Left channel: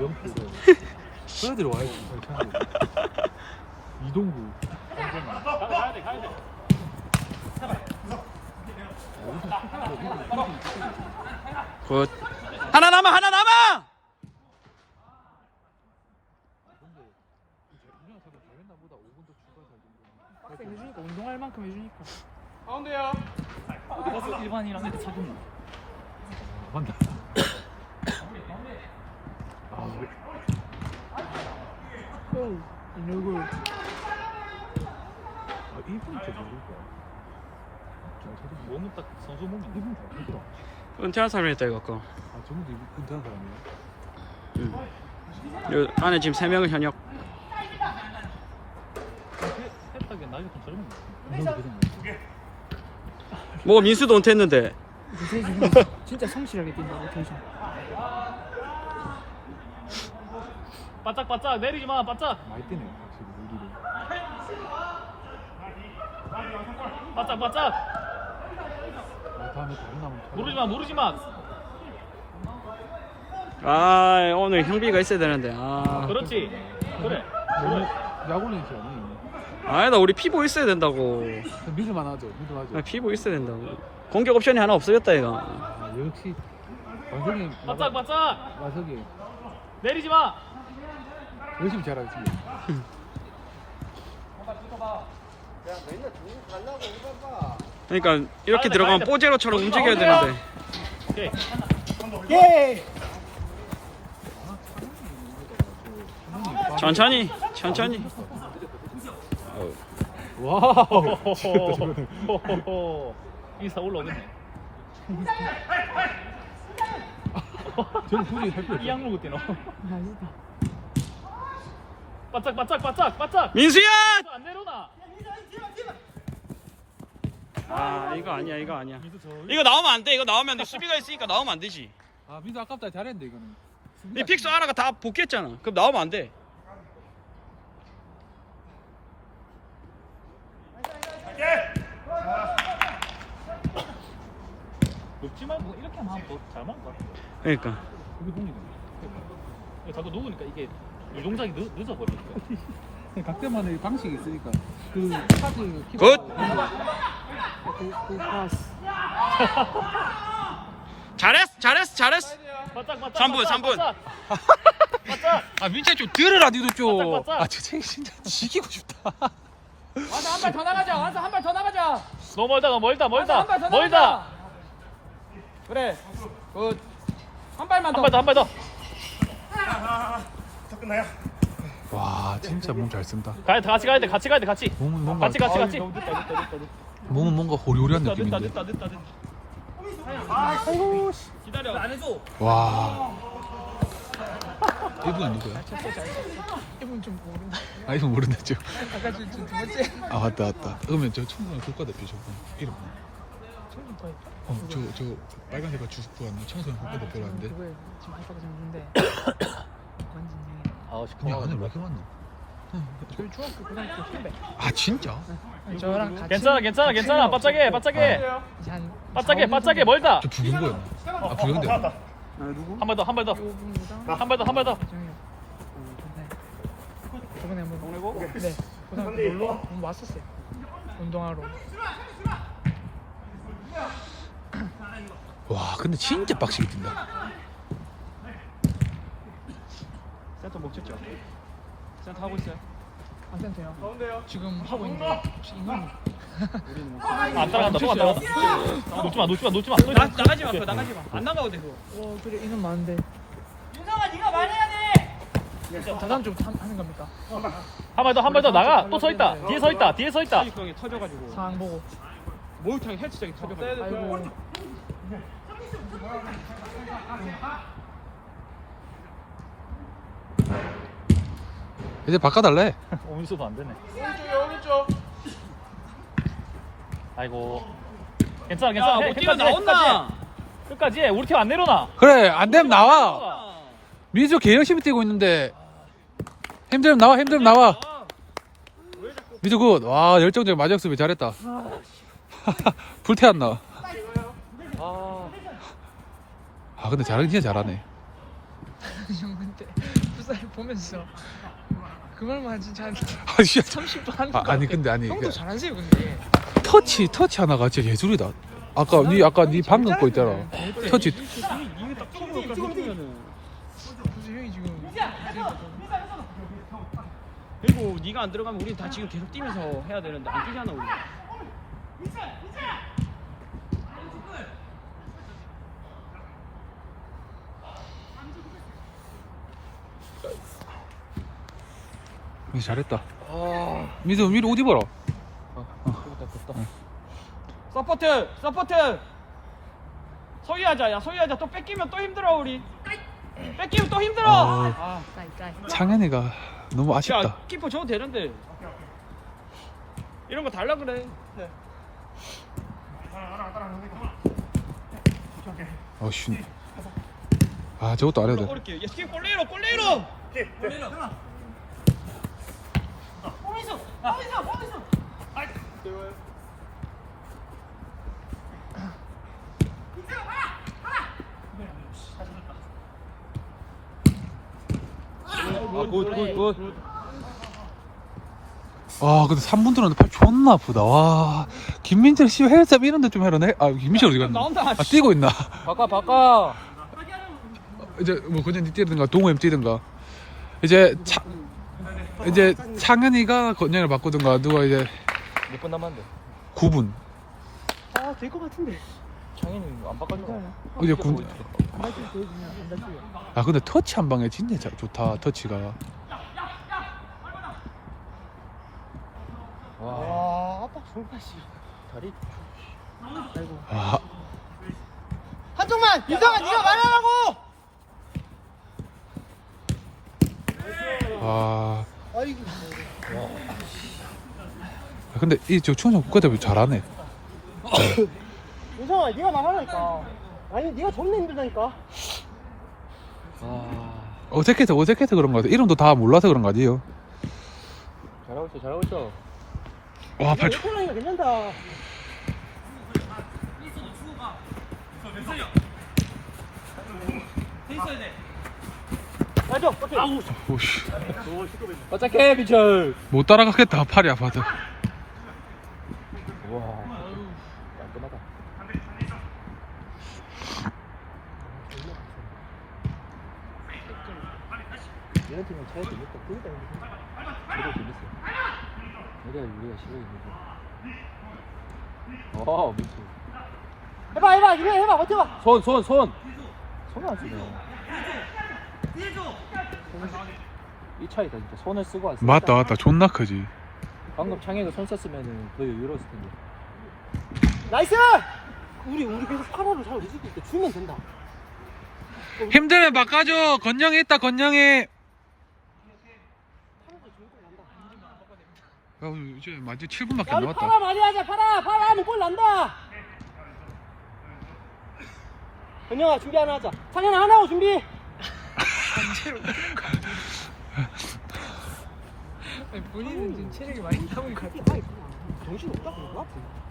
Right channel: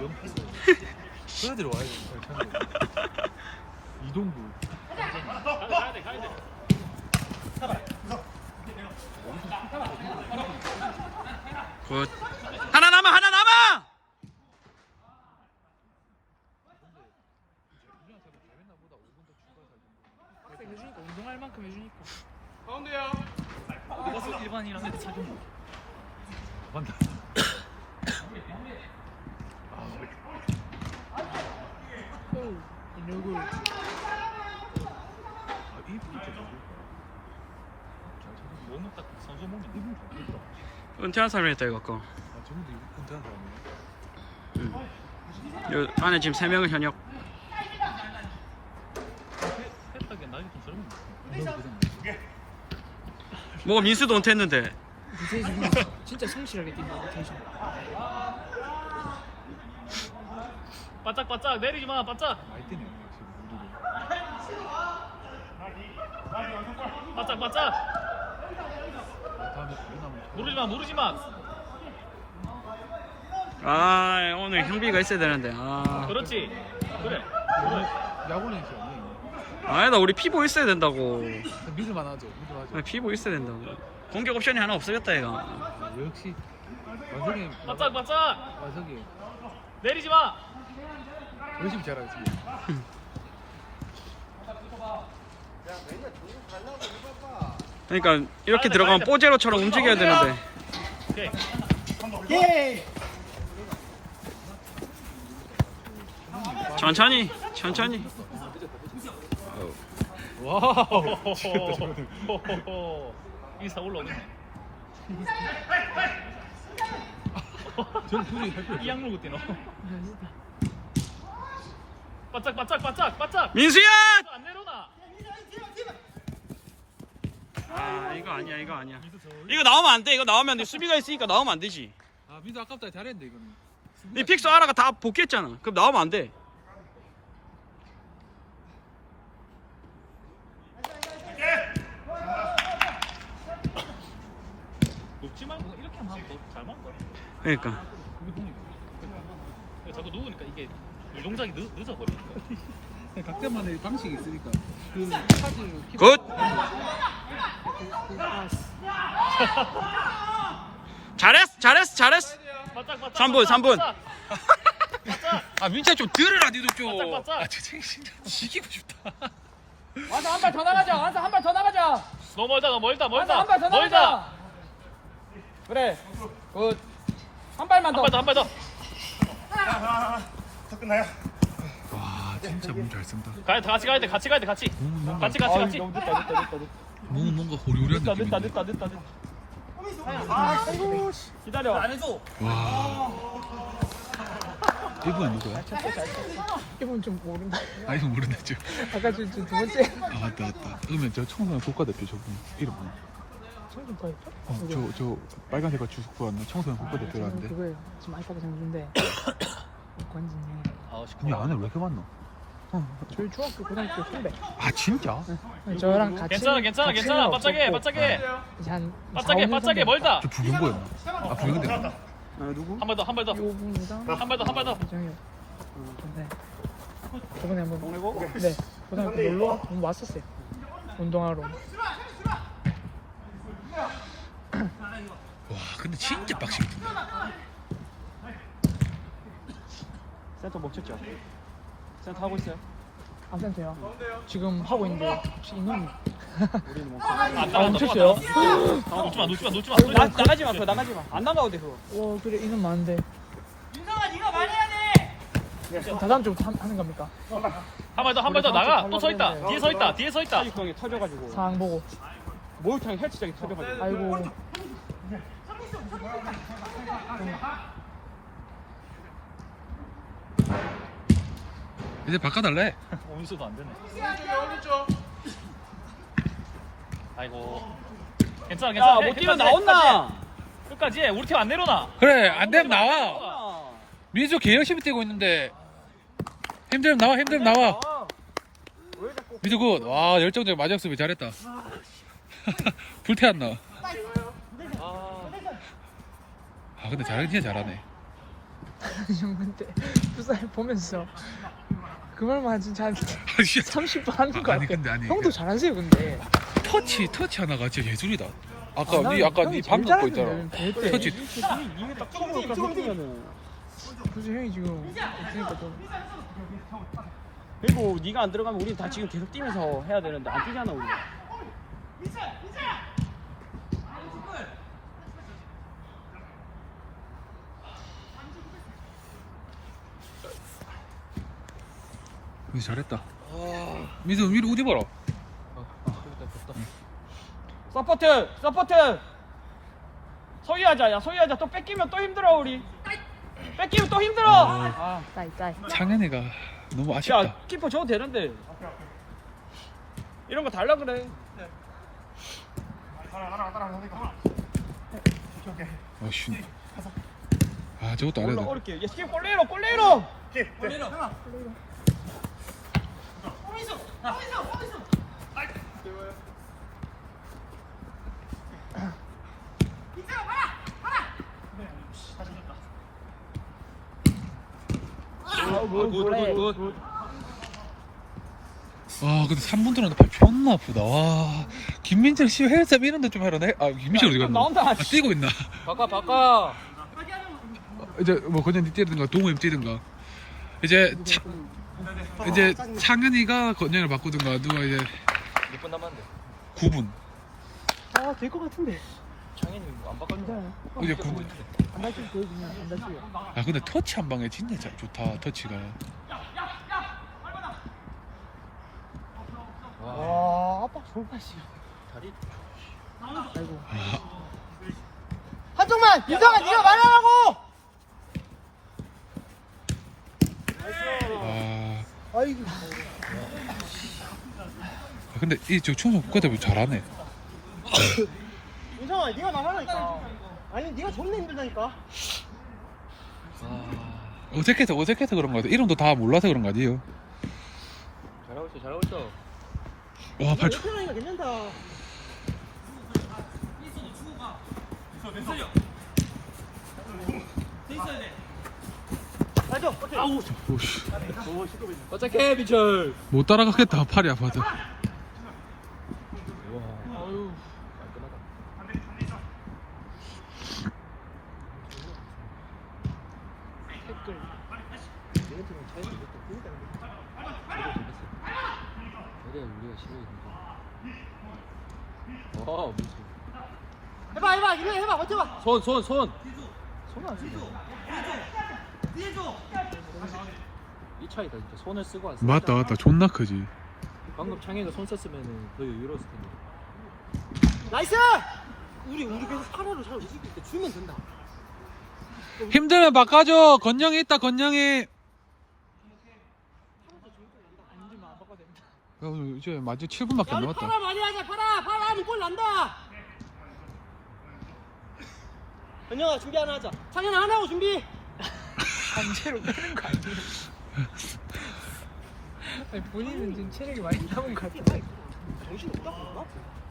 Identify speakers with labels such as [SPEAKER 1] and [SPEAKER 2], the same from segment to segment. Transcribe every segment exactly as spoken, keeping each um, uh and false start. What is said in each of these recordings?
[SPEAKER 1] 그래 들어와야지. 이동구.
[SPEAKER 2] 굿. 하나 남아, 하나 남아.
[SPEAKER 1] 해주니까 운동할 만큼 해주니까.
[SPEAKER 3] 가운데요.
[SPEAKER 1] 가서 일반이랑 이렇게 사귀는 거. 한다. 오, 이 얼굴. 아, 이분 진짜 누굴까? 저도 몸은 딱 선수 몸이 이분 같더라.
[SPEAKER 2] 은퇴한 사람이었다 이거 아까.
[SPEAKER 1] 아, 저분도 은퇴한 사람이에요?
[SPEAKER 2] 응. 요 안에 지금 세 명은 현역.
[SPEAKER 1] 했다게 나이가 좀 젊은
[SPEAKER 2] 뭐 민수도 은퇴했는데.
[SPEAKER 3] 진짜 성실하게 뛴다. 텐션. 바짝 바짝 내리지 마. 바짝.
[SPEAKER 1] 많이 뛰네 지금 우리도.
[SPEAKER 3] 바짝 바짝.
[SPEAKER 1] 아, 다음에 다리 나면
[SPEAKER 3] 누르지 마. 누르지 마.
[SPEAKER 2] 아 오늘 현비가 있어야 되는데. 아.
[SPEAKER 3] 그렇지. 그래.
[SPEAKER 1] 오늘 야구는 있어 없니?
[SPEAKER 2] 아니다 우리 피보 있어야 된다고.
[SPEAKER 1] 미주만 하죠. 미주 하죠.
[SPEAKER 2] 아, 피보 있어야 된다고. 공격 옵션이 하나 없어졌다 이거.
[SPEAKER 1] 아, 역시 완전히
[SPEAKER 3] 바짝 바짝.
[SPEAKER 1] 와석이
[SPEAKER 3] 내리지 마.
[SPEAKER 1] 열심히 잘하지.
[SPEAKER 2] 그러니까 이렇게 들어가면 뽀제로처럼 움직여야 되는데.
[SPEAKER 3] 오케이.
[SPEAKER 1] 예.
[SPEAKER 2] 천천히, 천천히. 아우.
[SPEAKER 1] 와우.
[SPEAKER 3] 호호호호호호. 이사 올라오겠네.
[SPEAKER 1] 쟤는 굳이 할 거야.
[SPEAKER 3] 이 항목 뛰노. 바짝 바짝 바짝 바짝.
[SPEAKER 2] 민수야!
[SPEAKER 3] 안 내려놔.
[SPEAKER 2] 아 이거 아니야 이거 아니야. 이거 나오면 안 돼. 이거 나오면 안 돼. 수비가 있으니까 나오면 안 되지.
[SPEAKER 1] 아 민수 아깝다 잘했는데 이거는.
[SPEAKER 2] 이 픽스 아라가 다 복귀했잖아. 그럼 나오면 안 돼.
[SPEAKER 3] 높지 말고 이렇게 하면 더잘 맞다.
[SPEAKER 2] 그러니까.
[SPEAKER 1] 이게 동이다.
[SPEAKER 3] 자꾸 누우니까 이게 이 동작이 늦, 늦어버리니까.
[SPEAKER 1] 각대만의 방식이 있으니까. 그
[SPEAKER 2] 굿. 잘했어 잘했어 잘했어.
[SPEAKER 3] 바짝 바짝.
[SPEAKER 2] 삼 분 삼 분.
[SPEAKER 1] 아 민채 좀 들으라 니도 좀.
[SPEAKER 3] 바짝, 바짝.
[SPEAKER 1] 아 진짜 진짜 지기고 싶다.
[SPEAKER 3] 완서 한 발 더 나가자. 완서 한 발 더 나가자. 너무 멀다. 너무 멀다. 멀다.
[SPEAKER 4] 한 발 더
[SPEAKER 3] 멀다.
[SPEAKER 4] 나가자. 그래. 굿. 한 발만
[SPEAKER 3] 한
[SPEAKER 4] 더.
[SPEAKER 3] 발 더. 한 발 더.
[SPEAKER 1] 와 진짜 몸 잘 쓴다.
[SPEAKER 3] 가야 돼. 같이 가야 돼. 같이 가야 돼. 같이.
[SPEAKER 1] 몸은 뭔가
[SPEAKER 3] 같이 같이 같이.
[SPEAKER 1] 몸은 뭔가 호요리한
[SPEAKER 3] 늦다 늦다
[SPEAKER 1] 느낌인데.
[SPEAKER 3] 늦다 늦다. 기다려. 안 해줘.
[SPEAKER 1] 와. 이분은 누구야?
[SPEAKER 4] 이분 좀 모른다.
[SPEAKER 1] 아 이분 모르겠죠.
[SPEAKER 4] 아까 저, 저, 두 번째.
[SPEAKER 1] 아 맞다 맞다. 그러면 저 청소년 국가대표 저분 이름 뭐야? 어저 저 빨간 색깔 주스쿠 왔나 청소년 국가대표라는데.
[SPEAKER 4] 그거예요. 지금 이렇게 생겼는데.
[SPEAKER 1] 아니 안에 왜 이렇게 많노?
[SPEAKER 4] 저희 중학교 고등학교 선배.
[SPEAKER 1] 아 진짜?
[SPEAKER 4] 저랑 같이.
[SPEAKER 3] 괜찮아 괜찮아 괜찮아. 바짝해 바짝해.
[SPEAKER 4] 한
[SPEAKER 3] 바짝해 바짝해 멀다.
[SPEAKER 1] 저 부경고였나? 아 부경대.
[SPEAKER 3] 한 발 더 한 발 더. 한 발 더 한 발 더.
[SPEAKER 4] 저번에 한번 보내고. 네. 고등학교 놀러 한번 왔었어요. 운동하러.
[SPEAKER 1] 와 근데 진짜 빡시게 뛴다.
[SPEAKER 3] 센터 목 찍죠. 센터 하고 있어.
[SPEAKER 4] 안 센터요. 지금 하고 있는 거 혹시 있는?
[SPEAKER 3] 아, 놓쳤어요. 놓지 마, 놓지 마, 놓지 마.
[SPEAKER 4] 나 나가지 마, 그거 나가지 마. 안 나가도 돼 그거. 어 그래 이는 나는데. 민성아 네가 많이 해야 돼. 다음 주 하는 겁니까?
[SPEAKER 3] 한 발 더, 한 발 더 나가. 또 서 있다. 뒤에 서 있다. 뒤에 서 있다.
[SPEAKER 4] 사육형이 터져가지고. 상황 보고. 목욕탕이 헬스장이 터져가지고. 아이고.
[SPEAKER 1] 이제 바꿔달래.
[SPEAKER 3] 오민수도 안 되네. 아이고. 괜찮아, 괜찮아.
[SPEAKER 4] 야, 못 뛰면 나온다.
[SPEAKER 3] 끝까지 해. 우리 팀 안 내려놔.
[SPEAKER 1] 그래 안 되면 나와. 민수 개 열심히 뛰고 있는데 힘들면 나와 힘들면 나와. 민수 굿. 와 열정적 마지막 수비 잘했다. 불태웠나? 아 근데 잘하긴 진짜 잘하네.
[SPEAKER 4] 사인 보면서 그 말만 진짜 한
[SPEAKER 1] 아, 씨.
[SPEAKER 4] 삼십 번 하는
[SPEAKER 1] 아,
[SPEAKER 4] 거
[SPEAKER 1] 아니 근데 아니
[SPEAKER 4] 형도
[SPEAKER 1] 그
[SPEAKER 4] 잘하세요 근데.
[SPEAKER 1] 터치 터치 하나가 진짜 예술이다. 아까 니 아까 니 방금 거 있잖아. 터치.
[SPEAKER 4] 이거 딱 처음 찍으면은. 그래서 형이 지금.
[SPEAKER 2] 그리고 네가 안 들어가면 우리 다 지금 계속 뛰면서 해야 되는데 안 뛰잖아 우리.
[SPEAKER 1] 민수 잘했다. 민수 위로 옷 입어라.
[SPEAKER 2] 서포트 서포트. 소유하자. 야 소유하자. 또 뺏기면 또 힘들어 우리. 뺏기면 또 힘들어.
[SPEAKER 1] 아.
[SPEAKER 2] 아.
[SPEAKER 1] 창현이가 너무 아쉽다.
[SPEAKER 2] 야 키퍼 줘도 되는데. 이런 거 달라 그래.
[SPEAKER 1] 어씨. 아 저것도 안 해도 돼.
[SPEAKER 2] 어렵게. 야 지금 골레로 골레로.
[SPEAKER 1] 아 근데 삼 분 들었는데 팔 존나 아프다. 와 김민철 씨 헬스업 이런 데 좀 해라네. 아 김민철 어디 갔노?
[SPEAKER 2] 나온다.
[SPEAKER 1] 아 뛰고 있나?
[SPEAKER 3] 바꿔 바꿔.
[SPEAKER 1] 어, 이제 뭐 건현이 뛰든가 동호엠 뛰든가 이제 차, 이제 창현이가 건현을 바꾸든가 누가 이제
[SPEAKER 3] 몇 분 남았는데?
[SPEAKER 1] 구 분
[SPEAKER 4] 아될것 같은데.
[SPEAKER 3] 장인은 안 바꿔니까.
[SPEAKER 1] 이제 구.
[SPEAKER 4] 안 다치면 되겠네. 안 다치면.
[SPEAKER 1] 아 근데 터치 한 방에 진짜 자- 좋다 터치가.
[SPEAKER 4] 와 아빠 좋은 맛이.
[SPEAKER 3] 다리.
[SPEAKER 1] 아,
[SPEAKER 4] 한동만 이상한 네가 말하라고.
[SPEAKER 1] 아
[SPEAKER 4] 아이고.
[SPEAKER 1] 근데 이 저 충성 국가대표 잘하네.
[SPEAKER 4] 이상아 네가 나말라니까. 아니 네가 존나 힘들다니까.
[SPEAKER 1] 어색해서 어색해서 그런 거 같아. 이름도 다 몰라서 그런 거 아니에요?
[SPEAKER 3] 잘하고 있어 잘하고 있어.
[SPEAKER 1] 와 팔 초.
[SPEAKER 4] 이거니까 괜찮다.
[SPEAKER 1] 오씨
[SPEAKER 3] 어떡해 민철.
[SPEAKER 1] 못 따라가겠다. 팔이 아파서.
[SPEAKER 3] 와. 깔끔하다. 이런 팀은 차이도 이겼다. 그러다 이겼어. 내가 우리가 싫어했는데. 와 민철.
[SPEAKER 4] 해봐 해봐 이거 해봐 버텨봐.
[SPEAKER 3] 손, 손, 손. 손을 안 쓰네. 이 차이다 진짜. 손을 쓰고 안 쓰고.
[SPEAKER 1] 맞다 맞다 존나 크지.
[SPEAKER 3] 방금 창현이가 손 썼으면은 거의 유로였을 텐데.
[SPEAKER 4] 나이스. 우리 우리 계속 사람을 잘 움직일 때 주면 된다.
[SPEAKER 1] 힘들면 바꿔줘. 건영이 있다 건영이. 야 오늘 이제 마지막 칠 분밖에 안
[SPEAKER 4] 우리
[SPEAKER 1] 남았다.
[SPEAKER 4] 파라 많이 하자. 파라 파라 하면 골 난다. 은영아 준비 하나 하자. 창현아 하나 하고 준비. 본인은 지금 체력이 많이 남은 것 같아. 정신 없다 그런가?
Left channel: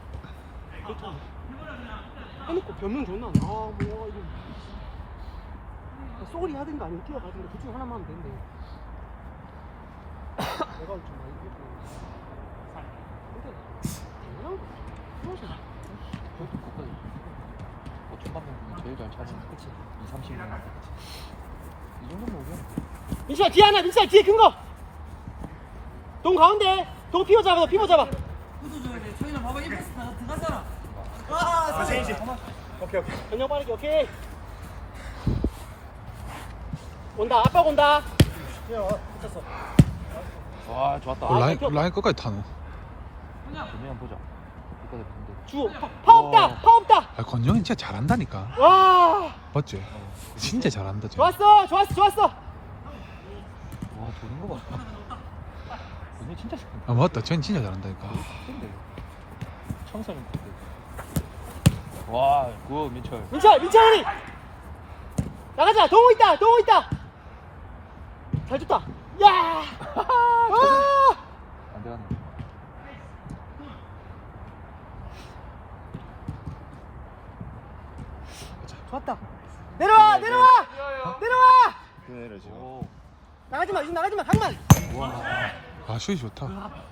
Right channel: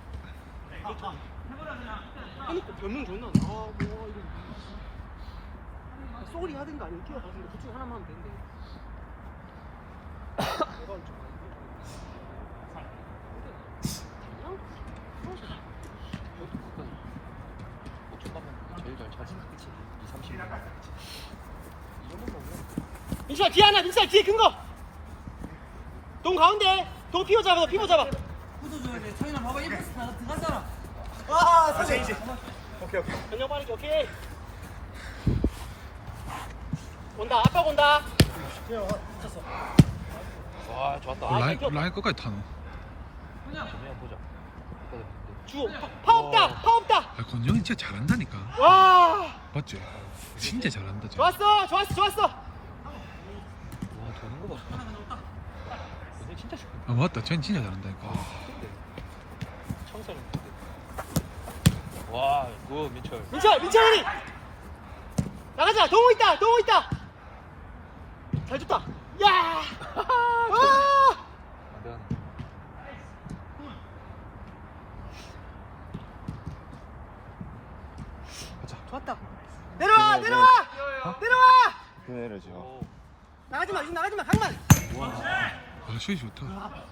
[SPEAKER 4] 해놓고 변명 장난. 아 뭐야 이거. 소리 하든가 아니면 뛰어가든가 둘 중 하나만 하면 된대.
[SPEAKER 3] 제일 잘 차지. 그치? 이, 삼십 년.
[SPEAKER 4] 민수야 뒤에 하나 민수야 뒤에 큰거 동 가운데 동 피워 잡아 피워 잡아 붙어줘야 돼. 창현아 봐봐 일 패스 나 들어가잖아. 아 사진 오케이 오케이 전력 빠르게 오케이 온다 아빠 온다.
[SPEAKER 3] 와 좋았다.
[SPEAKER 1] 어, 라인 라인 끝까지 타노.
[SPEAKER 3] 그냥 보자. 끝까지 보는데.
[SPEAKER 4] 주 파 없다 파 없다.
[SPEAKER 1] 아 건영이 진짜 잘한다니까.
[SPEAKER 4] 와
[SPEAKER 1] 맞지? 진짜 잘한다 쟤.
[SPEAKER 4] 좋았어 좋았어 좋았어.
[SPEAKER 3] 와 도는 거 봐. 근데 진짜 쉽다.
[SPEAKER 1] 아 맞다. 쟤는 진짜 잘한다니까.
[SPEAKER 3] 근데 천성이 근데. 와, 그 민철.
[SPEAKER 4] 민철 민철이 나가자. 동호 있다 동호 있다. 잘 줬다. 야 와.
[SPEAKER 3] 안 되네.
[SPEAKER 4] 좋았다. 내려와 내려와
[SPEAKER 1] 어?
[SPEAKER 4] 내려와.
[SPEAKER 3] 그래 지금.
[SPEAKER 4] 나가지 마, 이거 나가지 마, 강만.
[SPEAKER 1] 아 슛이 좋다.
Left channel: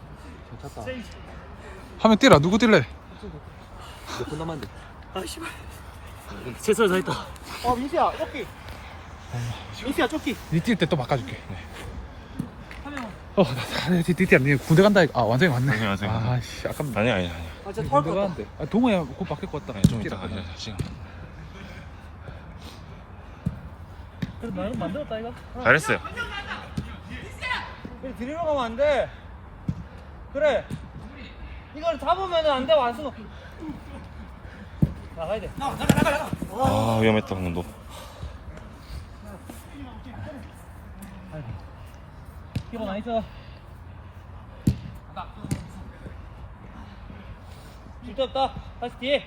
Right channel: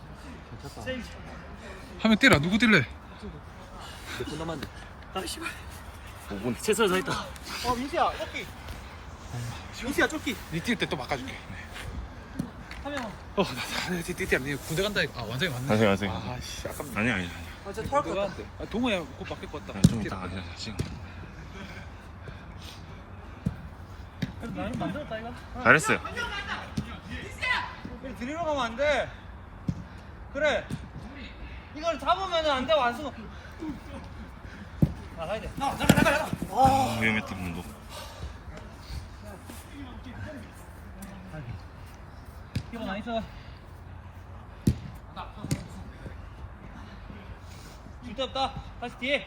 [SPEAKER 1] 하면 뛰라. 누구 뛸래?
[SPEAKER 4] 몇분 남았는데? 아, 씨발. 최선을 다했다. 어, 민수야, 쫓기. 민수야, 쫓기.
[SPEAKER 1] 니뛸 때 또 바꿔줄게.
[SPEAKER 4] 하면.
[SPEAKER 1] 어, 니뛸 니 군대 간다. 아 완전히 왔네.
[SPEAKER 5] 아니, 완전히
[SPEAKER 1] 아,
[SPEAKER 5] 왔네.
[SPEAKER 1] 씨, 아깝네.
[SPEAKER 5] 아니야 아니야 아니야.
[SPEAKER 4] 아, 진짜 토할 것 같다.
[SPEAKER 1] 아, 동호야 곧 바뀔 것 같다.
[SPEAKER 5] 네, 좀 이따가 야, 지금
[SPEAKER 4] 만들었다, 이거.
[SPEAKER 5] 잘했어요.
[SPEAKER 4] 들이러 가면 안 돼. 그래. 이걸 잡으면 안 돼, 완수. 나가야 돼. 나가, 나가, 나가, 나가.
[SPEAKER 5] 아 위험했다 방금도.
[SPEAKER 4] 이거 많이 쳐. 줄데 없다. 다시 뒤에.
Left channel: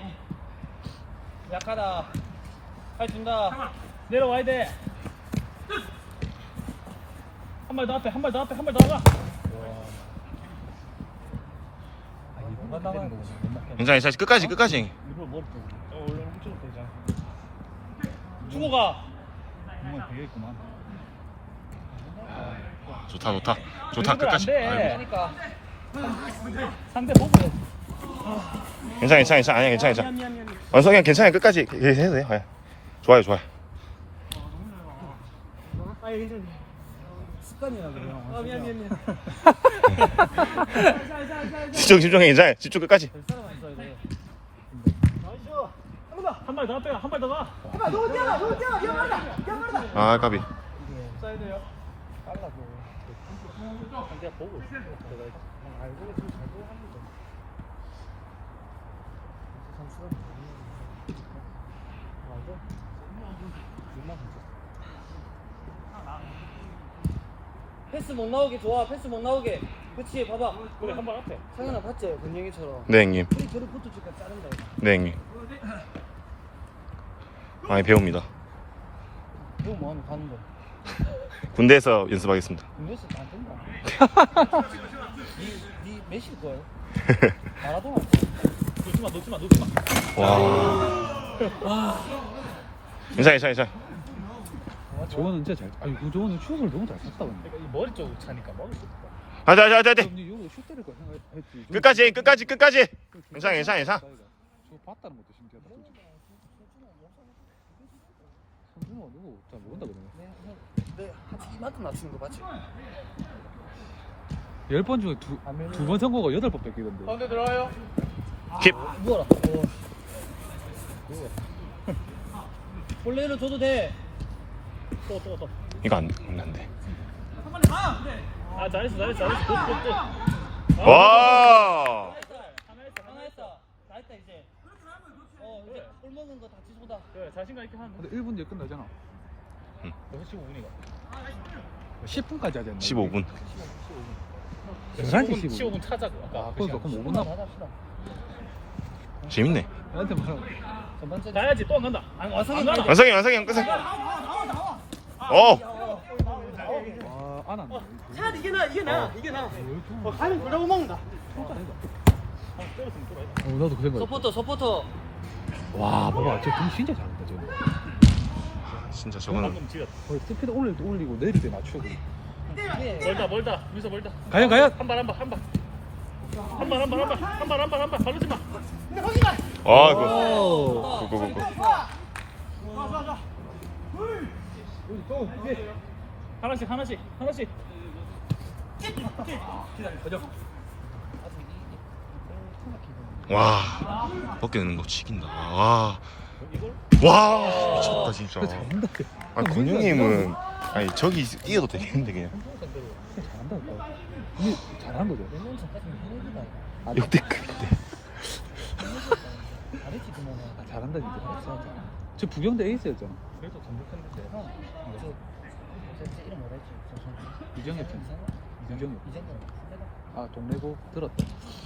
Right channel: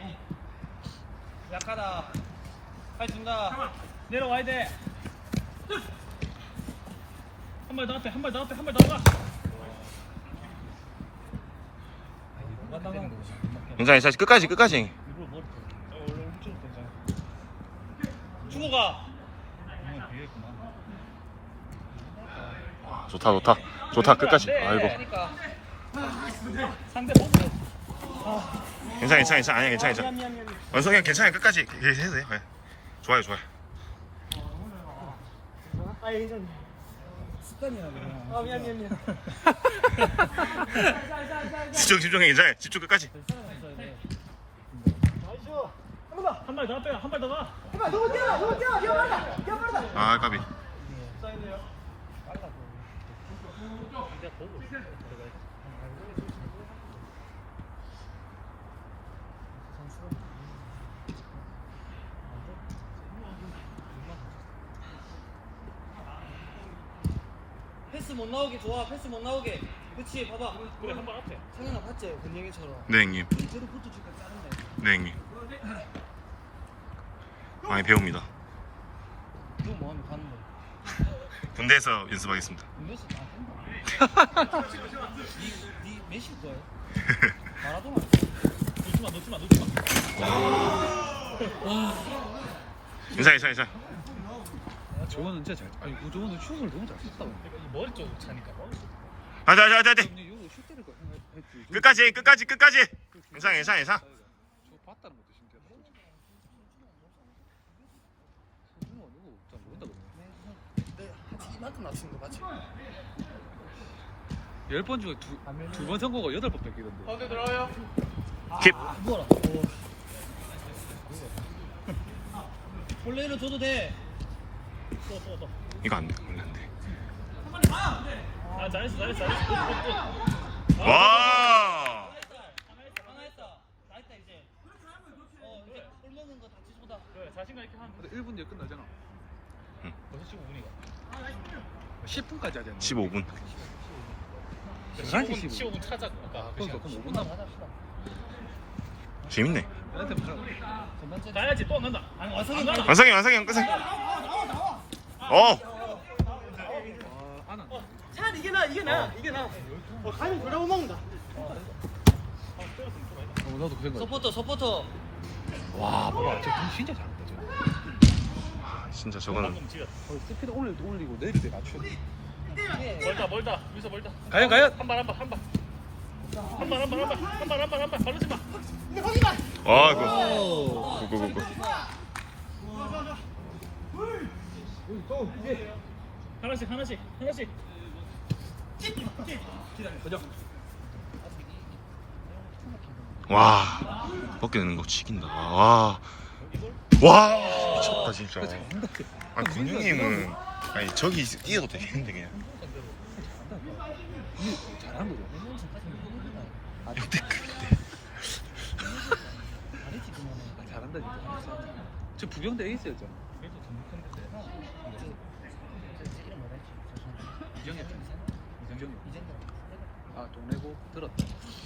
[SPEAKER 4] 약하다. 다시 준다.
[SPEAKER 2] 내려와야 돼. 한 발 더 앞에, 한 발 더 앞에, 한 발 더 나가.
[SPEAKER 5] 괜찮아 괜찮아 끝까지 끝까지.
[SPEAKER 4] 주고 가.
[SPEAKER 5] 아, 좋다 좋다 좋다 끝까지. 아이고
[SPEAKER 4] 그러니까.
[SPEAKER 2] 상대 못 돼.
[SPEAKER 5] 괜찮아 괜찮아 괜찮아 아니야 괜찮아 괜찮아.
[SPEAKER 4] 미안, 미안, 미안.
[SPEAKER 5] 원석이 괜찮아 끝까지 해도 돼요. 예. 좋아요 좋아요.
[SPEAKER 4] 아, 괜찮아. 습관이야, 그래요. 아, 미안, 미안, 미안.
[SPEAKER 5] 집중 집중해 괜찮아 집중 끝까지.
[SPEAKER 2] 한 발 더 앞에, 한 발 더 가.
[SPEAKER 4] 해봐, 너무 뛰어가, 너무 뛰어가. 뛰어 빠르다. 뛰어 빠르다.
[SPEAKER 5] 아 까비.
[SPEAKER 4] 패스 못 나오게 좋아. 패스 못 나오게. 그렇지. 봐봐.
[SPEAKER 2] 우리 한 발 앞에.
[SPEAKER 4] 상현아 봤지? 권영이처럼.
[SPEAKER 5] 네 형님.
[SPEAKER 4] 우리 저리 붙어줄까 자른다.
[SPEAKER 5] 네 형님. 많이 배웁니다.
[SPEAKER 4] 이거 뭐하면 가는 거.
[SPEAKER 5] 군대에서 연습하겠습니다.
[SPEAKER 4] 메시 안 된다. 니, 니 메시 거야. 마라도나.
[SPEAKER 2] 놓지 마, 놓지 마, 놓지 마.
[SPEAKER 5] 와. 괜찮아 괜찮아 괜찮아.
[SPEAKER 1] 저거는 진짜 잘. 아니 저거는 슛을 너무 잘 쳤다. 근데.
[SPEAKER 2] 머리 쪽으로 차니까 머리 쪽.
[SPEAKER 5] 하자 하자 하자 하자.
[SPEAKER 1] 근데 이거 슛 때릴 거 생각했지.
[SPEAKER 5] 끝까지 해, 끝까지 끝까지. 괜찮아 괜찮아 괜찮아.
[SPEAKER 1] 저거 봤다는 것도 신기하다. 선준호가 누구 잘 모른다 그러네.
[SPEAKER 4] 내 이만큼 낮추는 거 맞지?
[SPEAKER 1] 열 번 중에 두두 번 선거가 여덟 번 뺏기던데.
[SPEAKER 2] 가운데 들어가요.
[SPEAKER 5] 킵.
[SPEAKER 4] 뭐라? 원래는 줘도 돼.
[SPEAKER 2] 또, 또, 또.
[SPEAKER 5] 이거 안 돼. 원래 안 돼.
[SPEAKER 2] 아, 잘했어, 잘했어, 잘했어. 굿, 굿, 굿.
[SPEAKER 5] 와.
[SPEAKER 4] 하나 했다. 다 했다 이제. 어 이제 골 먹는 거 다 지수다.
[SPEAKER 2] 그래, 자신감 있게 하면 돼.
[SPEAKER 1] 근데 일 분 뒤에 끝나잖아.
[SPEAKER 5] 응.
[SPEAKER 1] 여섯 시 오 분이가. 십 분까지 하지 않나?
[SPEAKER 5] 십오 분.
[SPEAKER 1] 열한 시 십오
[SPEAKER 2] 십오
[SPEAKER 1] 분.
[SPEAKER 2] 분 차자고.
[SPEAKER 1] 아, 그러니까 그럼 오 분 남아.
[SPEAKER 5] 재밌네.
[SPEAKER 1] 나한테 무슨
[SPEAKER 4] 전반전.
[SPEAKER 2] 나야지, 또 안 간다.
[SPEAKER 4] 아니 와서는
[SPEAKER 5] 완성이 완성이 형 끝에.
[SPEAKER 4] 나와 나와 나와.
[SPEAKER 5] 어.
[SPEAKER 1] 아안 한다.
[SPEAKER 4] 차라리 이게 나 이게 나 이게 나. 어 가면 돌아오 먹는다.
[SPEAKER 1] 나도 그 생각.
[SPEAKER 4] 서포터 서포터.
[SPEAKER 1] 와 뭐야 쟤공 진짜 잘한다 쟤.
[SPEAKER 5] 진짜 저거는
[SPEAKER 1] 스피드 올릴 때 올리고 내릴 때 맞춰야 돼.
[SPEAKER 2] 멀다, 멀다. 미서 멀다.
[SPEAKER 1] 과연 과연.
[SPEAKER 2] 한 발, 한 발, 한 발. 한 발, 한 발, 한 발. 한 발, 한 발, 한 발. 바르지 마.
[SPEAKER 4] 근데 거기가.
[SPEAKER 5] 아 이거.
[SPEAKER 1] 오.
[SPEAKER 5] 고고고고.
[SPEAKER 2] 하나씩, 하나씩, 하나씩.
[SPEAKER 5] 와. 벗겨내는 거 치긴다. 와. 와. 미쳤다 진짜. 아니 권영님은 아니 저기 뛰어도 되겠는데 그냥.
[SPEAKER 1] 근데 잘한 거죠.
[SPEAKER 5] 역대급.
[SPEAKER 1] 잘한다 진짜. 저 부경대 에이스였잖아. 이정엽 편. 이정엽. 아 동네고 들었다.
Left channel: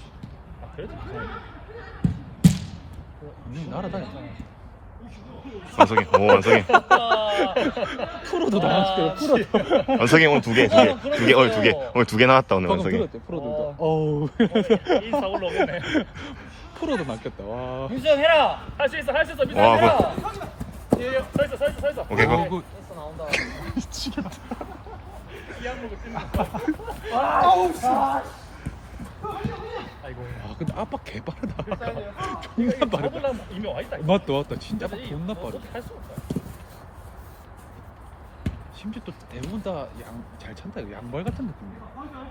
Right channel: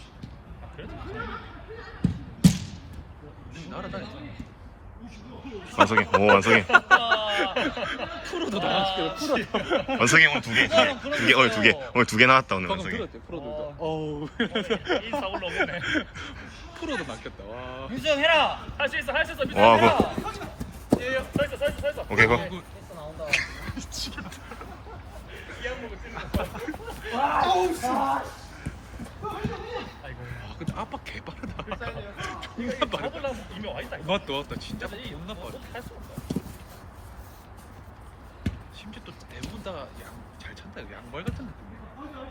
[SPEAKER 1] 음, 날아다녔잖아.
[SPEAKER 5] 완성이. 오 완성이.
[SPEAKER 1] 프로도 나왔어요. 프로.
[SPEAKER 5] 완성이 오늘 두 개, 두 개, 두 개 오늘 두 개, 오늘 두 개 나왔다 오늘
[SPEAKER 1] 방금
[SPEAKER 5] 완성이.
[SPEAKER 1] 들었대. 프로도. 어우.
[SPEAKER 2] 일사 올라오겠네.
[SPEAKER 1] 프로도 맡겼다. 와.
[SPEAKER 4] 유수형 해라.
[SPEAKER 2] 할 수 있어, 할 수 있어. 미서
[SPEAKER 5] 와,
[SPEAKER 2] 해라.
[SPEAKER 5] 그-
[SPEAKER 2] 예, 예. 서 있어, 서 있어, 서 있어.
[SPEAKER 5] 오케이 고.
[SPEAKER 1] 이거 근데 아빠 개 빠르다. 존나 빠르다.
[SPEAKER 3] 이미 와 있다.
[SPEAKER 1] 맞다 맞다. 진짜 존나 빠르다. 심지어 또 대부분 다 양 잘 찬다. 양발 같은 느낌이야.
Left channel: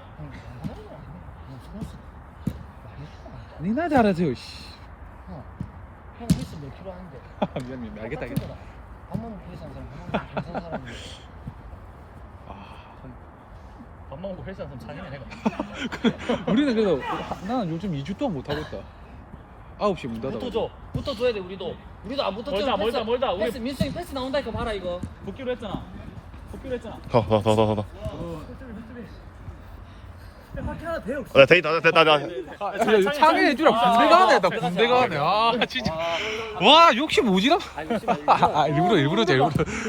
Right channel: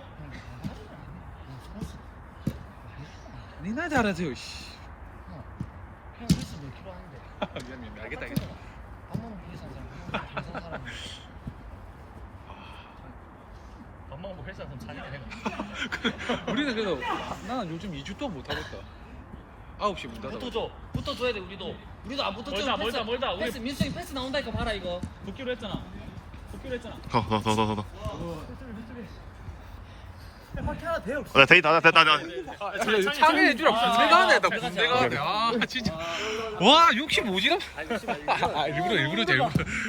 [SPEAKER 1] 니나 잘하세요. 씨.
[SPEAKER 3] 형 헬스 몇 킬로 하는데?
[SPEAKER 1] 미안 미안 알겠다 알겠다.
[SPEAKER 3] 한 번은 헬스 하잖아. 괜찮은 사람인데. 밥 먹고 헬스 하면 장난 해가.
[SPEAKER 1] 우리는 그래도 나는 요즘 이 주 동안 못 하고 있다. 아홉 시 문 닫아.
[SPEAKER 4] 붙어줘. 붙어줘야 돼 우리도. 우리도 안 붙어줘.
[SPEAKER 3] 멀다, 멀다, 멀다. 우리-
[SPEAKER 4] 패스 민성이 패스 나온다니까 봐라 이거.
[SPEAKER 2] 복귀로 했잖아. 복귀로 했잖아.
[SPEAKER 5] 더더더더더 나 데이터 됐다 됐다
[SPEAKER 1] 창현이 해주라. 군대가 하네. 나 군대가 하네. 아 진짜. 와 욕심 오지나? 아, 일부러 일부러지 일부러.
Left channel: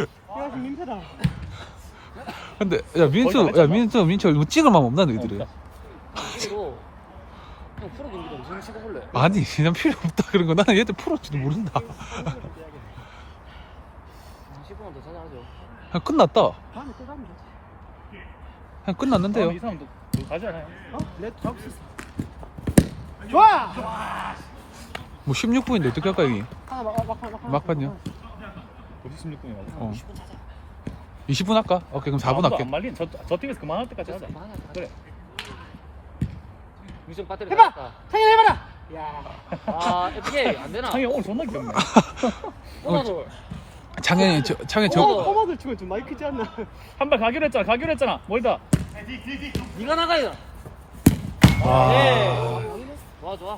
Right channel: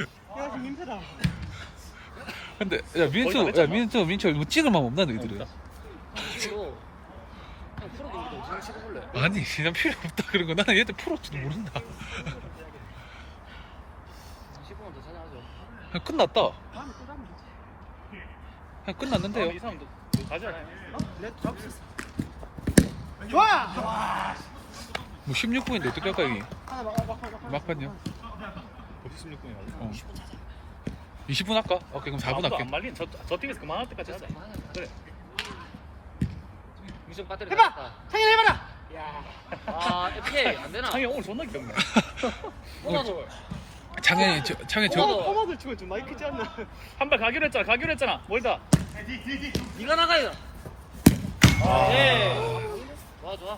[SPEAKER 1] 근데 야 민수 야 민수 민철 뭐 찍을만 없나 너희들은? 아니 그냥 필요 없다 그런 거 나는 얘들 풀었지도 모른다. 그냥 끝났다. 그냥 끝났는데요.
[SPEAKER 3] 이 사람도 가지 않아요?
[SPEAKER 4] 좋아.
[SPEAKER 1] 뭐 십육 분인데 어떻게 할까 형이? 막판요?
[SPEAKER 3] 어디 십육 분이 맞아?
[SPEAKER 1] 어. 이십 분 할까? 오케이 그럼 사 분 할게.
[SPEAKER 3] 안 말린 저, 저 팀에서 그만할 때까지 하자. 그래.
[SPEAKER 4] 민성 배터리 해봐. 창현 해봐라. 야. 아 어떻게 안 되나?
[SPEAKER 3] 창이 오늘 존나 귀엽네.
[SPEAKER 4] 꼬마돌.
[SPEAKER 1] 창현이 저 창현 저
[SPEAKER 4] 꼬마돌 치면 좀 많이 크지 않나?
[SPEAKER 3] 한 발 가기로 했잖아. 가기로 했잖아. 멀다.
[SPEAKER 4] 네가 나가요. 예. 좋아 좋아.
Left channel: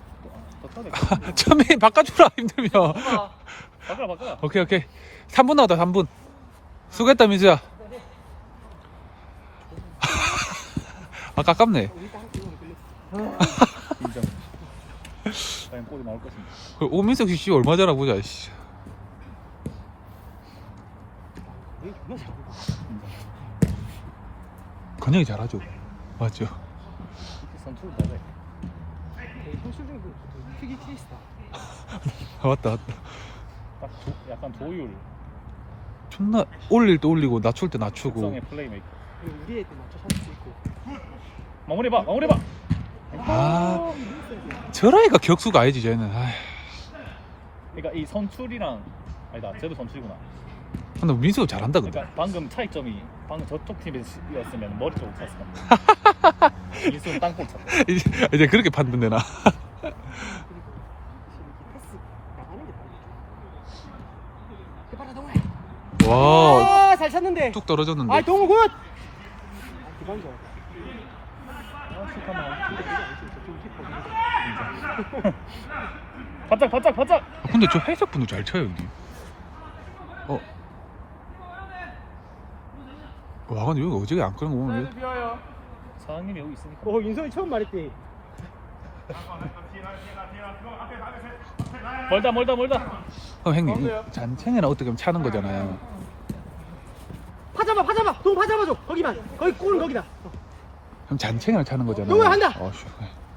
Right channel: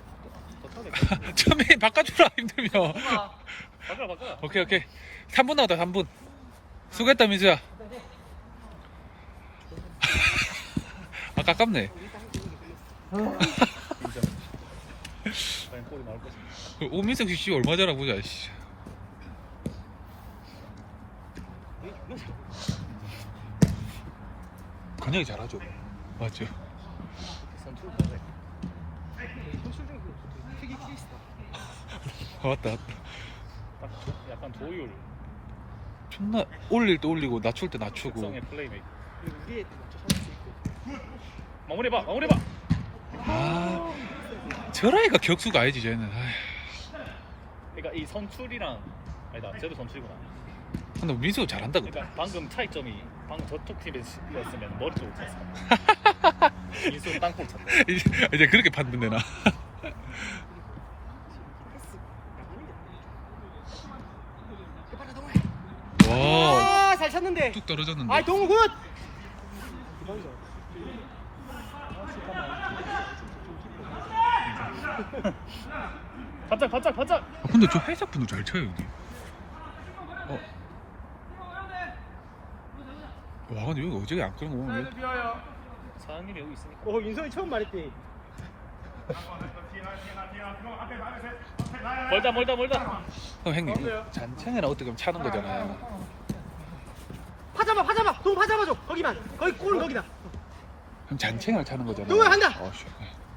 [SPEAKER 1] 처음에 바꿔주라 힘들면.
[SPEAKER 3] 바꿔라 바꿔라.
[SPEAKER 1] 오케이 오케이 삼 분 나왔다 삼 분. 수고했다 민수야. 아 깝깝네.
[SPEAKER 3] 인정. 과연 골이 나올 것인가.
[SPEAKER 1] 그 오민석 씨 얼마 전화 보자. 씨. 건영이 잘하죠. 맞죠.
[SPEAKER 3] 선투를 잘해.
[SPEAKER 1] 맞다 맞다.
[SPEAKER 3] 딱 조, 약간 조율.
[SPEAKER 1] 존나 올릴 때 올리고 낮출 때 낮추고.
[SPEAKER 3] 특성의 플레이메이크. 마무리 봐. 마무리 봐.
[SPEAKER 1] 아 저라이가 격수가 아니지 쟤는. 아휴.
[SPEAKER 3] 그러니까 이 선출이랑 아니다. 쟤도 선출이구나.
[SPEAKER 1] 근데 민수가 잘한다 근데.
[SPEAKER 3] 그러니까 방금 차이점이 방금 저쪽 팀이었으면 머리 쪽으로 찼어. 민수는 땅볼 차.
[SPEAKER 1] 이제, 이제 그렇게 판단되나? 와,
[SPEAKER 4] 아잘 쳤는데.
[SPEAKER 1] 툭 떨어졌는데.
[SPEAKER 4] 아 동훈 굿.
[SPEAKER 3] 바짝 바짝 바짝.
[SPEAKER 1] 아, 근데 저 회색 분도 잘 쳐요 여기. 어. 와 근데 여기 어저께 안 끄는 거 보면 여기-
[SPEAKER 3] 사장님이 여기 있으니까.
[SPEAKER 4] 어 민성이 처음 말했대.
[SPEAKER 3] 멀다 멀다 멀다.
[SPEAKER 1] 어, 형님 잔챙이나 어떻게 하면 차는 거잖아요.
[SPEAKER 4] 파잡아 파잡아. 동 파잡아줘. 거기만. 거기 골 거기다.
[SPEAKER 1] 형 잔챙이나 차는 거잖아요.
[SPEAKER 4] 동호야, 한다.
[SPEAKER 1] 어, 씨.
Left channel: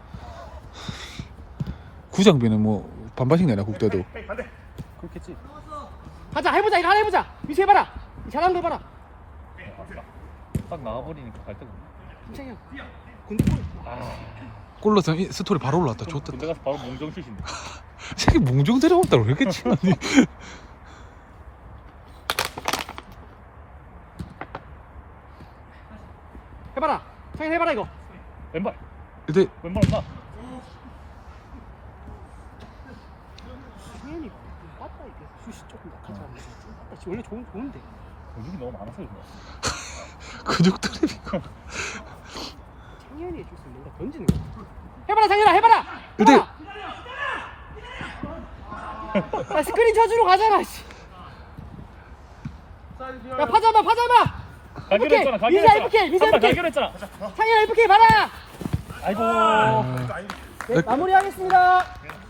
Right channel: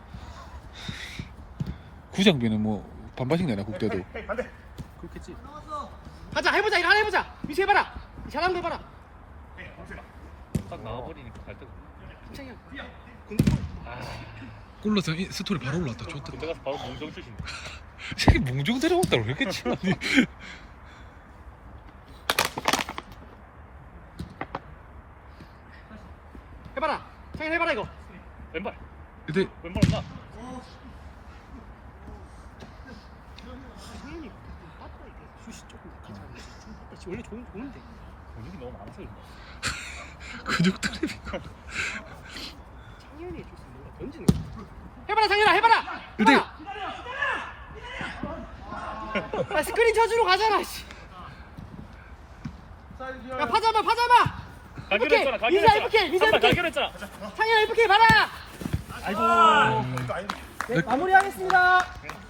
[SPEAKER 1] 구장비는 뭐 반반씩 내나 국대도.
[SPEAKER 3] 그렇겠지.
[SPEAKER 4] 가자 해보자 이거 하나 해보자. 미수 해봐라. 잘하는 거 해봐라.
[SPEAKER 3] 딱 나와버리니까 갈 데가 없네.
[SPEAKER 4] 창현.
[SPEAKER 1] 골로서 이 스토리 바로 올라왔다. 좋다.
[SPEAKER 3] 군대 가서 바로 몽정슛이네.
[SPEAKER 1] 새끼 몽중 들어갔다고 왜 이렇게 치니?
[SPEAKER 4] 해봐라. 창현 해봐라 이거.
[SPEAKER 3] 왼발.
[SPEAKER 1] 근데
[SPEAKER 3] 왼발 나.
[SPEAKER 4] 창현이 아빠 이게 슛이 조금 약하잖아. 아빠 원래 좋은 좋은데.
[SPEAKER 3] 근육이 너무 많아서 그런 거야.
[SPEAKER 1] 근육 드립이고.
[SPEAKER 4] 창현이 해줄 수 있는 뭔가 던지는 거. 해봐라 창현아 해봐라.
[SPEAKER 1] 근데
[SPEAKER 4] 아 스크린 쳐주러 가잖아. 씨. 야 파잡아 파잡아.
[SPEAKER 3] 가기로 했잖아. 가기로
[SPEAKER 4] 미사
[SPEAKER 3] 했잖아.
[SPEAKER 4] 에프케이, 미사
[SPEAKER 3] 한 발
[SPEAKER 4] 에프케이.
[SPEAKER 3] 가기로 했잖아.
[SPEAKER 4] 창현 에프케이 봐라.
[SPEAKER 3] 아이고.
[SPEAKER 4] 네, 마무리하겠습니다.